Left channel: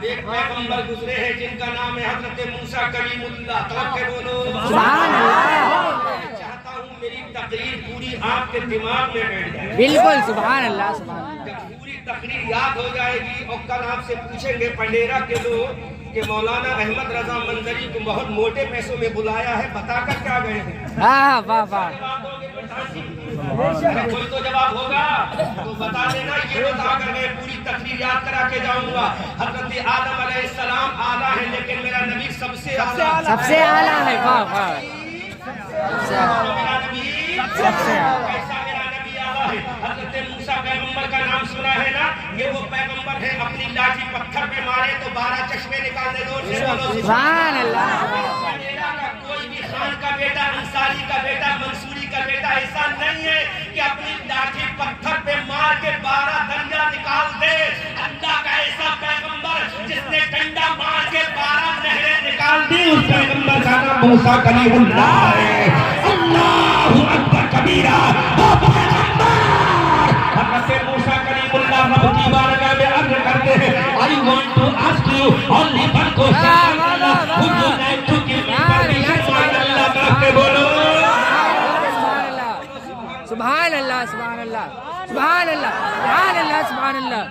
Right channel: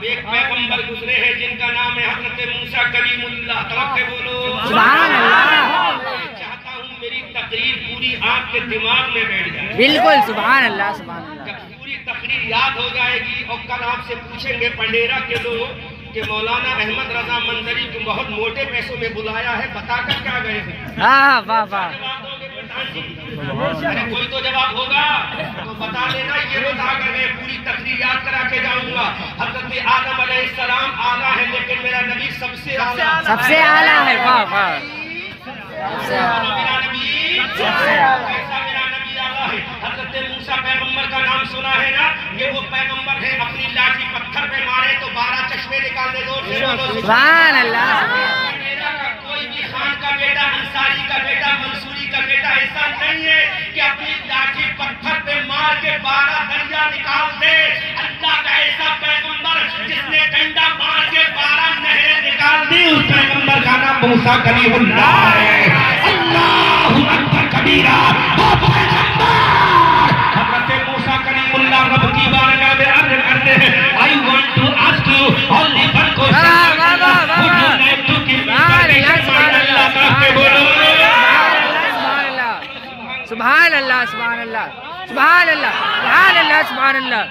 اب ایک پیغمبر گزرے ہیں جن کا نام ہے حضرت موسیٰ کلیم اللہ. توقع بولو سبحان اللہ. چاہتا ہوں میری تقریر پوری آپ کے دماغ میں بیٹھ جائے. بالکل سبحان اللہ سبحان اللہ. جب پوری تقریر یاد ہو جائے گی اور کل آپ سے پوچھیں گے پنڈیرا کے لوگ کہ مولانا احمد رضا منظری کو بہت موٹے پیسوں میں بلایا ہے, بتا کر کیا گئے ہیں؟ ہاں واہ واہ. ارے کوئی تو جواب ہوگا تو بتا دینا. یہ بتا کر میں پوری تقریر یاد کرا کے جاؤں گا. حضرت آدم علیہ السلام اعلیٰ ہے لیکن میرا نبی سب سے اعلیٰ, سب سے اعلیٰ ہے. واہ واہ. میرا نبی ایسا میرا نبی اعلیٰ ہے. حضرت موسیٰ پیغمبر کا نام سنا ہے نا, یہ وہ پیغمبر ہے اپنی لاٹھی پتھر پہ مارے تو 12 چشمے نکال دے. سبحان اللہ. کوئی بھی خان کا بیٹا, انصاری کا بیٹا, منصوری کا بیٹا ایسا نہیں ہے کہ اپنی لاٹھی پتھر پہ مار کے 12 دریا نکال دے. اللہ کا ایسا پیغمبر جس نے ڈنڈا مار کے 12 نہریں نکال دی, اس پیغمبر کا نام موسیٰ کلیم اللہ ہے. اللہ اکبر کبیرہ. حضرت موسیٰ کلیم اللہ رب کی بارگاہ میں عرض کرتے ہیں, I want to ask you only one question. سبحان اللہ سبحان اللہ سبحان اللہ سبحان اللہ سبحان اللہ.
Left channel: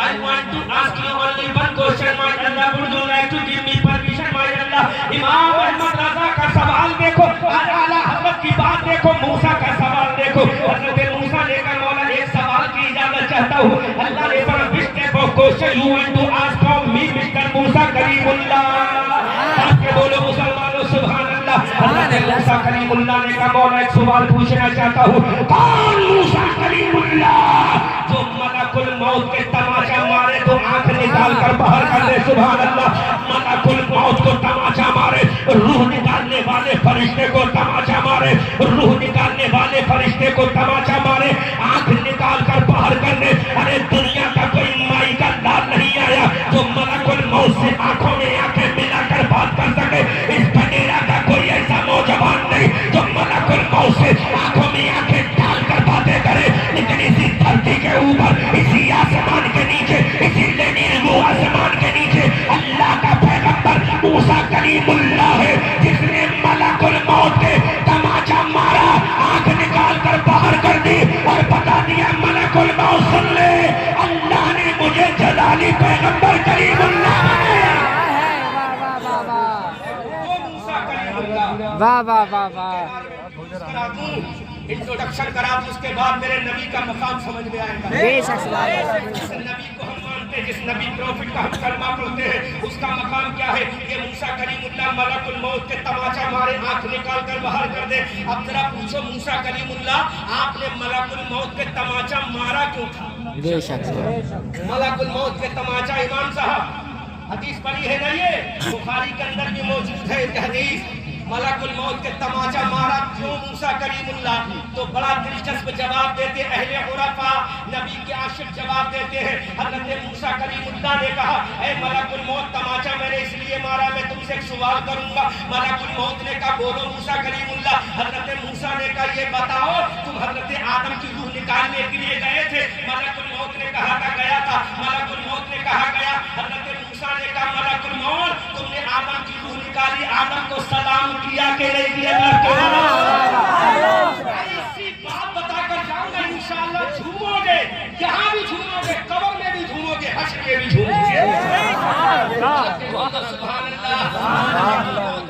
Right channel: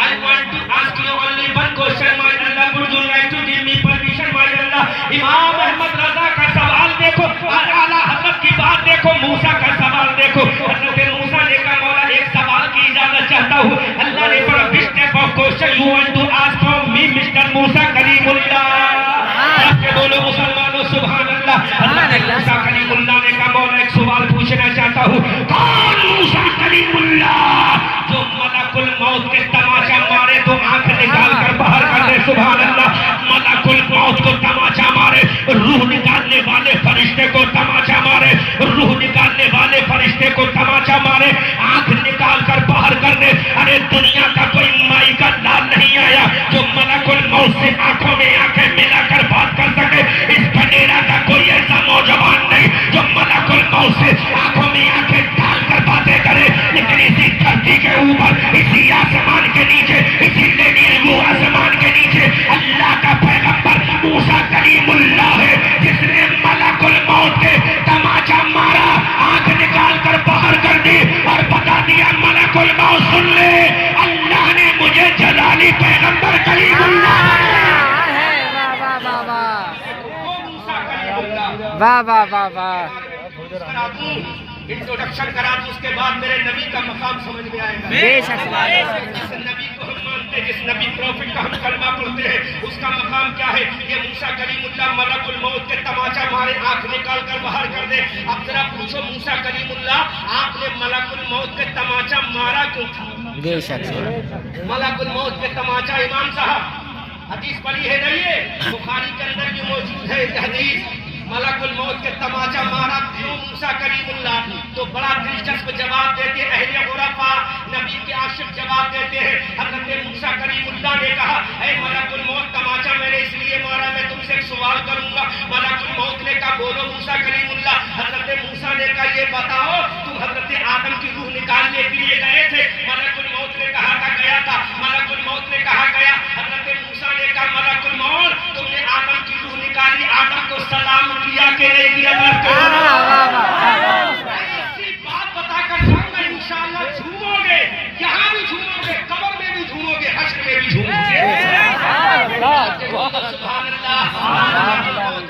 I want to ask you only one question, my Allah. Would you like to give me permission, my Allah? امام احمد رضا کا سوال دیکھو, اعلیٰ حضرت کی بات دیکھو, موسیٰ کا سوال دیکھو. حضرت موسیٰ نے کہا مولا ایک سوال کی اجازت چاہتا ہوں. اللہ نے کہا which type of question you want to ask from me, Mr. موسیٰ کلیم اللہ. بولو مسلمانوں سبحان اللہ. حضرت موسیٰ کلیم اللہ نے کہا مولا ایک سوال پوچھنا چاہتا ہوں. کون موسیٰ کلیم اللہ جو ملک الموت کے تماچا مارے تو آنکھ نکال کر باہر کر دے؟ سبحان اللہ. ملک الموت کو تماچا مارے, روح نکالنے والے فرشتے کو تماچا مارے, روح نکالنے والے فرشتے کو تماچا مارے, آنکھ نکال کر باہر کر دے. ارے دنیا کا کوئی مائی کا لال نہیں آیا جو ملک الموت سے آنکھوں میں آنکھیں ملا کر بات کر سکے. اس بنیرا کا کوئی ایسا نوجوان نہیں جو ملک الموت سے آنکھوں میں آنکھیں ڈال کر باتیں کرے. لیکن اسی دھرتی کے اوپر, اسی آسمان کے نیچے, اسی لیڈی آسمان کے نیچے اللہ کا پیغمبر موسیٰ کلیم اللہ ہے جس نے ملک الموت کے تماچا مارا, آنکھ نکال کر باہر کر دی اور بتا دیا ملک الموت سن لے, اللہ نے مجھے جلالی پیغمبر کلیم اللہ واہ واہ واہ واہ. انٹروڈکشن کرا دوں, اس کے بعد میرے نبی کا مقام سمجھ میں آئے گا. بے شک سبحان اللہ. جس نبی کو ہم مانتے ہیں, جس نبی پروفٹ کا ہم کلمہ پڑھتے ہیں, اس کا مقام کیا ہے؟ یہ موسیٰ کلیم اللہ ملک الموت کے تماچا مارے, آنکھ نکال کر باہر کر دے. اب ذرا پوچھو موسیٰ کلیم اللہ, آپ نے ملک الموت کے تماچا مارا کیوں تھا؟ بے شک ملک الموت کے تماچا, امام صاحب حدیث پڑھی ہے نا, یہ بخاری کے اندر بھی موجود ہے حدیث. ملک الموت کے تماچا مارا کیوں موسیٰ کلیم اللہ؟ تو بڑا دلچسپ جواب دیتے اہل عرفاء, نبی کے عاشق جواب دیتے ہیں. حضرت موسیٰ کلیم اللہ نے کہا اے ملک الموت, تماچا میں نے اس لیے مارا, میں تم سے ایک سوال کروں گا. ملک الموت نے کہا بولو موسیٰ کلیم اللہ. حضرت موسیٰ نے کہا یہ بتاؤ تم حضرت آدم کی روح نکالنے کے لیے گئے تھے؟ ملک الموت نے کہا تھا گیا تھا. ملک الموت نے کہا گیا. حضرت موسیٰ نے کہا ملک الموت تم نے آدم کی روح نکالی, آدم کو سلام کیا کہ نہیں کیا؟ ایسی بات بتا کر جاؤں گا, انشاءاللہ جھومو گے, یہاں بھی جھومو گے, قبر میں بھی جھومو گے, حشر میں بھی جھومو گے. سبحان اللہ.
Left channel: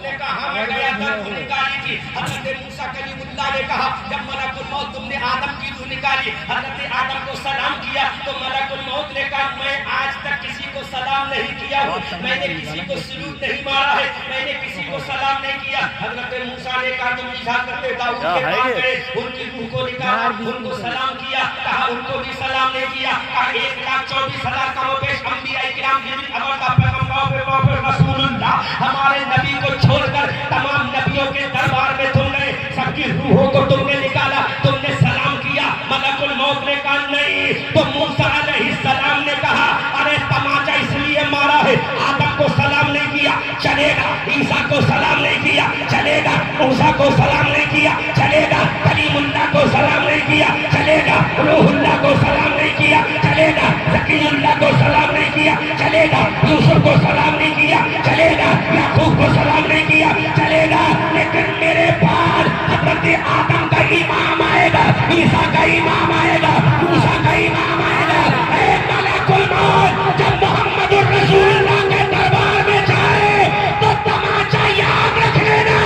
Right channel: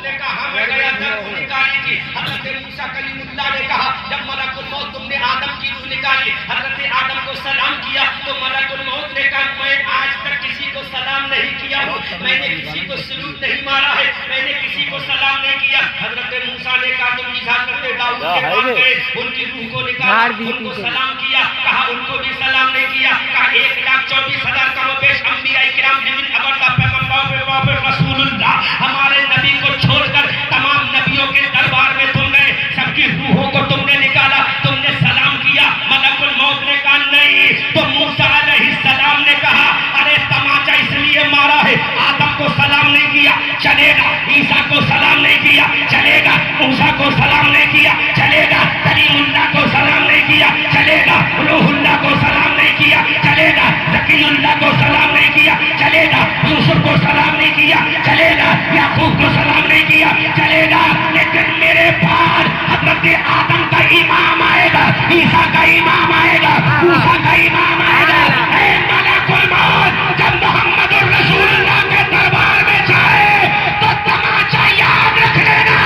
نے کہا میں گیا تھا روح نکالی تھی. حضرت موسیٰ کلیم اللہ نے کہا جب ملک الموت تم نے آدم کی روح نکالی, حضرت آدم کو سلام کیا, تو ملک الموت نے کہا میں آج تک کسی کو سلام نہیں کیا ہوں, میں نے کسی کو سلوٹ نہیں مارا ہے, میں نے کسی کو سلام نہیں کیا. حضرت موسیٰ نے کہا تم حضرت داؤد کے پاس گئے, ان کی روح کو نکالا, ان کو سلام کیا, کہا ان کو بھی سلام نہیں کیا. کہا 1,24,000 کم و بیش انبیاء کرام جن ابدا پیغمبر رسول اللہ ہمارے نبی کو چھوڑ کر تمام نبیوں کے دربار میں تم گئے, سب کی روحوں کو تم نے نکالا, تم نے سلام کیا. ملک الموت نے کہا نہیں. تو موسیٰ علیہ السلام نے کہا ارے تماچا اس لیے مارا ہے, آدم کو سلام نہیں کیا چلے گا, عیسیٰ کو سلام نہیں کیا چلے گا, موسیٰ کو سلام نہیں کیا چلے گا, کلیم اللہ کو سلام نہیں کیا چلے گا, روح اللہ کو سلام نہیں کیا چلے گا, ذکی اللہ کو سلام نہیں کیا چلے گا. یوسف کو سلام نہیں کیا چلے گا, یعقوب کو سلام نہیں کیا چلے گا, لیکن میرے بعد حضرت آدم کا امام آئے گا, عیسیٰ کا امام آئے گا, موسیٰ کا امام آئے گا. اے ملک الموت جب محمد الرسول اللہ کے دربار میں جائے تو تماچا یاد رکھ لینا,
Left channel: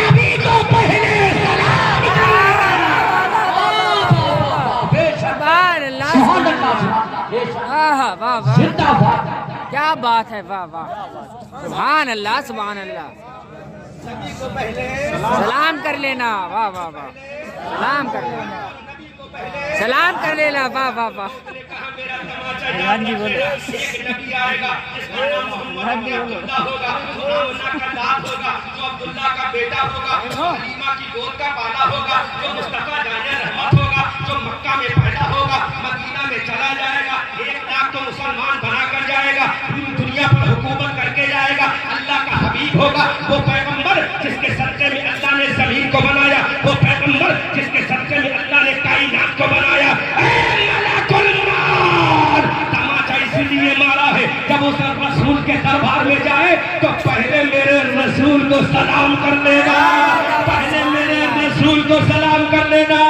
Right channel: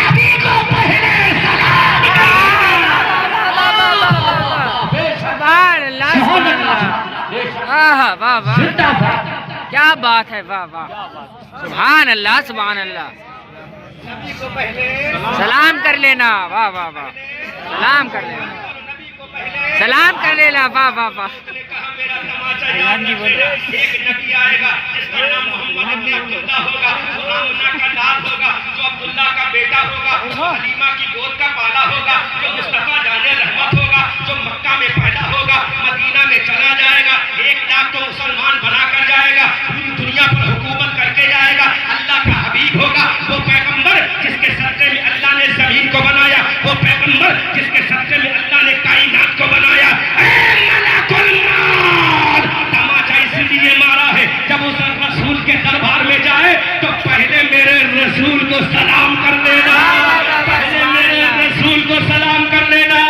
نبی کو پہلے سلام سبحان اللہ سبحان اللہ. واہ واہ واہ, کیا بات ہے, واہ واہ, سبحان اللہ سبحان اللہ. سلام کر لینا, واہ واہ واہ, سلام کر لینا, سلام کر لینا, واہ واہ واہ. ایک نبی آئے گا جس کا نام محمد عبداللہ ہوگا, جو آمنہ کا لال ہوگا, جو عبداللہ کا بیٹا ہوگا, جو حلیمہ کی گود کا بالا ہوگا, جو مصطفیٰ جان رحمت ہوگا, جو مکہ میں پیدا ہوگا, مدینہ میں چلا جائے گا, 1 لاکھ تو مسلمان بنا کر جائے گا, پوری دنیا پر حکومت کر کے جائے گا. اللہ کا حبیب ہوگا, وہ پیغمبر جس کے صدقے میں اللہ نے زمین کو بنایا, وہ پیغمبر جس کے صدقے میں اللہ نے کائنات کو بنایا. اے ملک الموت, تماچا اس لیے مارا ہے جب اس رسول کے دربار میں جائے تو پہلے میرے رسول کو سلام کر لینا, پہلے میرے رسول کو سلام کر لینا.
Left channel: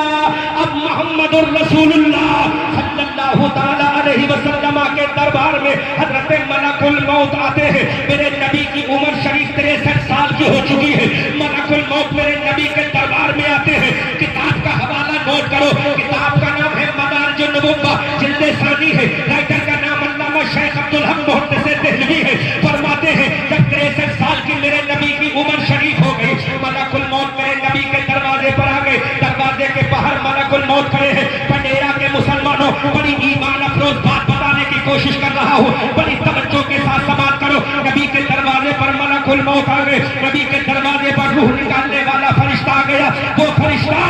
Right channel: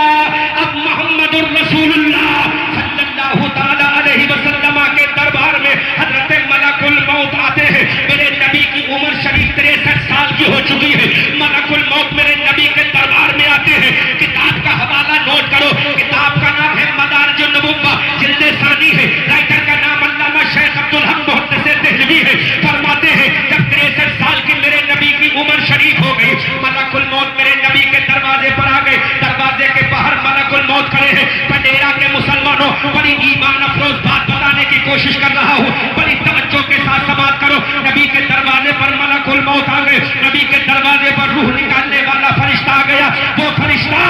اب محمد الرسول اللہ صلی اللہ تعالی علیہ وسلم کے دربار میں حضرت ملک الموت آتے ہیں. میرے نبی کی عمر شریف 63 سال کی ہو چکی ہے. ملک الموت میرے نبی کے دربار میں آتے ہیں. کتاب کا حوالہ نوٹ کرو, کتاب کا نام ہے مدارج النبوہ, جلد ثانی ہے, رائٹر کا نام علامہ شیخ عبدالحق محدث دہلوی ہے. فرماتے ہیں جب 63 سال کی میرے نبی کی عمر شریف ہو گئی, ملک الموت میرے نبی کے دروازے پر آ گئے. دروازے کے باہر ملک الموت کھڑے ہیں. پنڈیرا کے مسلمانوں, بڑی ایمان افروز بات بتانے کی کوشش کر رہا ہوں, بڑی توجہ کے ساتھ سماعت کرو. نبی کے دروازے پر ملک الموت آ گئے. نبی کے دروازے پر روح نکالنے والا فرشتہ آ گیا. وہ فرشتہ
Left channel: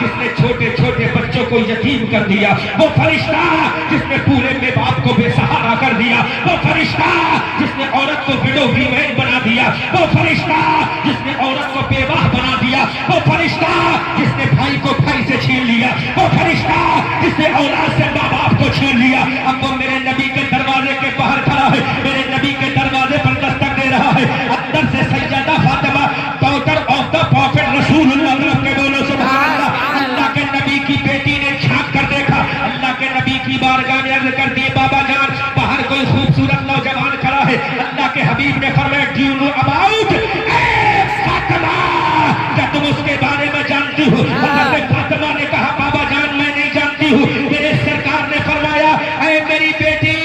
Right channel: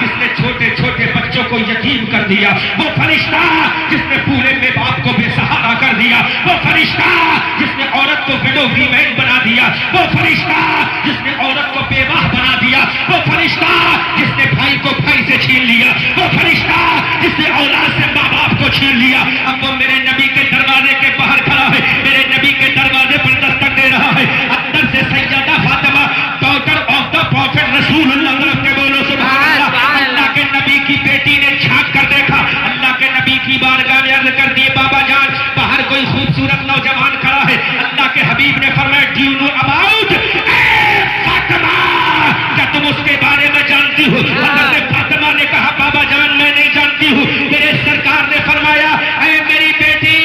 جس نے چھوٹے چھوٹے بچوں کو یتیم کر دیا, وہ فرشتہ جس نے پورے ماں باپ کو بے سہارا کر دیا, وہ فرشتہ جس نے عورت کو وڈو ویمن بنا دیا, وہ فرشتہ جس نے عورت کو بیوہ بنا دیا, وہ فرشتہ جس نے بھائی کو بھائی سے چھین لیا, وہ فرشتہ جس نے اولاد سے ماں باپ کو چھین لیا. اب وہ میرے نبی کے دروازے کے باہر کھڑا ہے, میرے نبی کے دروازے پر دستک دے رہا ہے. اندر سے Syeda Fatima, daughter of the prophet رسول اللہ کے بولو سبحان اللہ. اللہ کے نبی کی بیٹی نے جھانک کر دیکھا, اللہ کے نبی کی بارگاہ میں عرض کر دی, بابا جان باہر کوئی خوبصورت نوجوان کھڑا ہے. اللہ کے حبیب نے فرمایا, do you know about Fatima, کیا تم اس کے بارے میں جانتی ہو؟ حضرت فاطمہ نے کہا, بابا جان میں نہیں جانتی ہوں. میرے سرکار نے فرمایا, اے میری بیٹی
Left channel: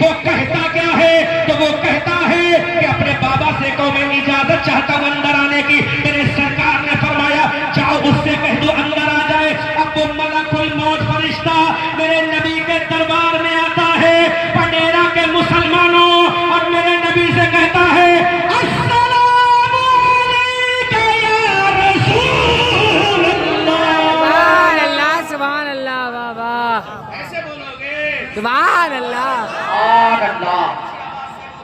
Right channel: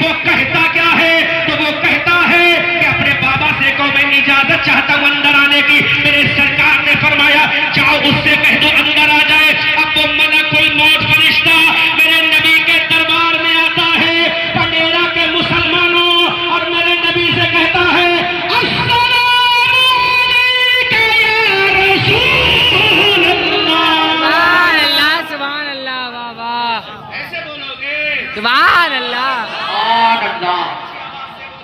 وہ کہتا کیا ہے؟ تو وہ کہتا ہے کہ اپنے بابا سے کو میں اجازت چاہتا ہوں اندر آنے کی. میرے سرکار نے فرمایا, جاؤ اس سے کہہ دو اندر آ جائے. اب وہ ملک الموت فرشتہ میرے نبی کے دربار میں آتا ہے, پنڈیرا کے مسلمانوں, اور میرے نبی سے کہتا ہے, السلام علیکہ یا رسول اللہ. سبحان اللہ, واہ واہ, ایسے بولو گے, سبحان اللہ, سبحان اللہ,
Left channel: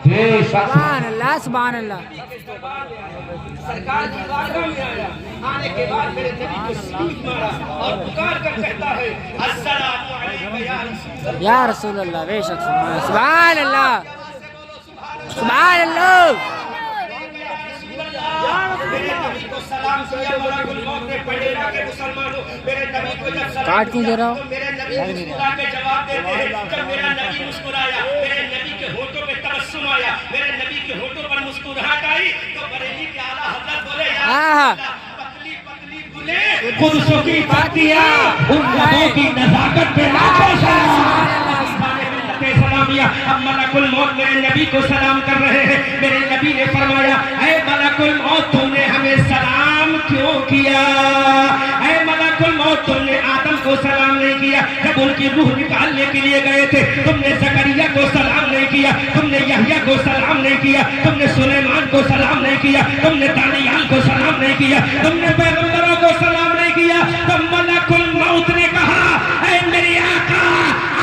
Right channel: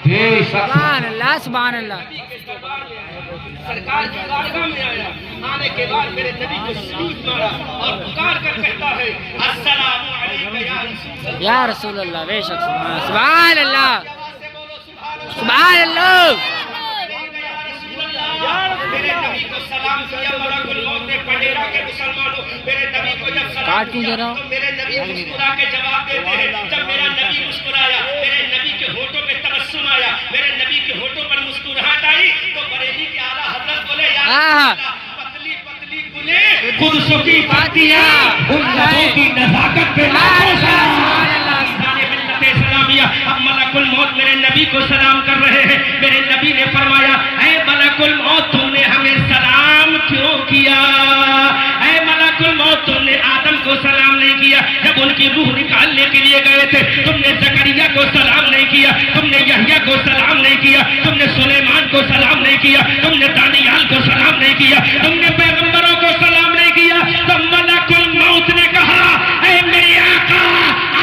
بے شک سبحان اللہ, سبحان اللہ. سرکار کی بارگاہ میں آیا, آنے کے بعد میرے نبی کو سلوٹ مارا اور پکار کر کہتا ہے, السلام علیکہ یا رسول اللہ. یا رسول اللہ, بے شک, سبحان اللہ, سبحان اللہ. میرے نبی کو سلام کیا ملک الموت نے. پنڈیرا کے مسلمانوں, میرے نبی کو جب سلام کیا تو میرے نبی مسکرا کے جواب دیتے ہیں. جب میرا نبی مسکرایا, میرے نبی کے ہونٹوں پہ تبسم آیا, میرے نبی کے ہونٹوں پر مسکراہٹ آئی, تو بریلی کے اعلیٰ حضرت بولے, یا پتلی پتلی بولے خود سکی فاتحہ, ان لوگوں کی نزاکت پہ سلامیہ. اب ملک الموت میرے نبی کو سلام کر رہے ہیں. میرے نبی نے فرمایا, اے ملک الموت تم نے ہمیں سلام کیوں کیا؟ اے ملک الموت تم نے آدم کو سلام نہیں کیا جب ان کی روح نکالنے کے لیے گئے تھے, تم نے زکریا کو سلام نہیں کیا, تم نے یحییٰ کو سلام نہیں کیا, تم نے سلیمان کو سلام نہیں کیا, تم نے دانیال کو سلام نہیں کیا, تم نے پیغمبروں کو سلام نہیں کیا. تو ملک الموت نے کہا, اے میرے آقا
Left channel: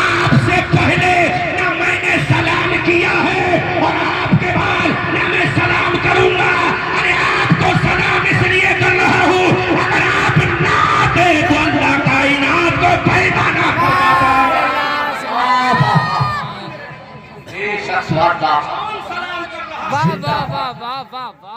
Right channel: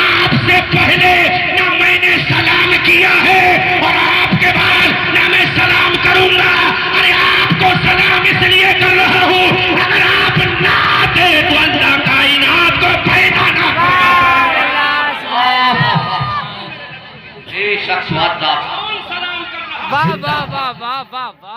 آپ سے پہلے نہ میں نے سلام کیا ہے اور آپ کے بعد نہ میں سلام کروں گا. ارے آپ کو سلام اس لیے کر رہا ہوں, اگر آپ نہ دے تو اللہ کائنات کو پیدا نہ کرے. شخص مادہ کون سلام کر رہا واہ واہ واہ واہ واہ واہ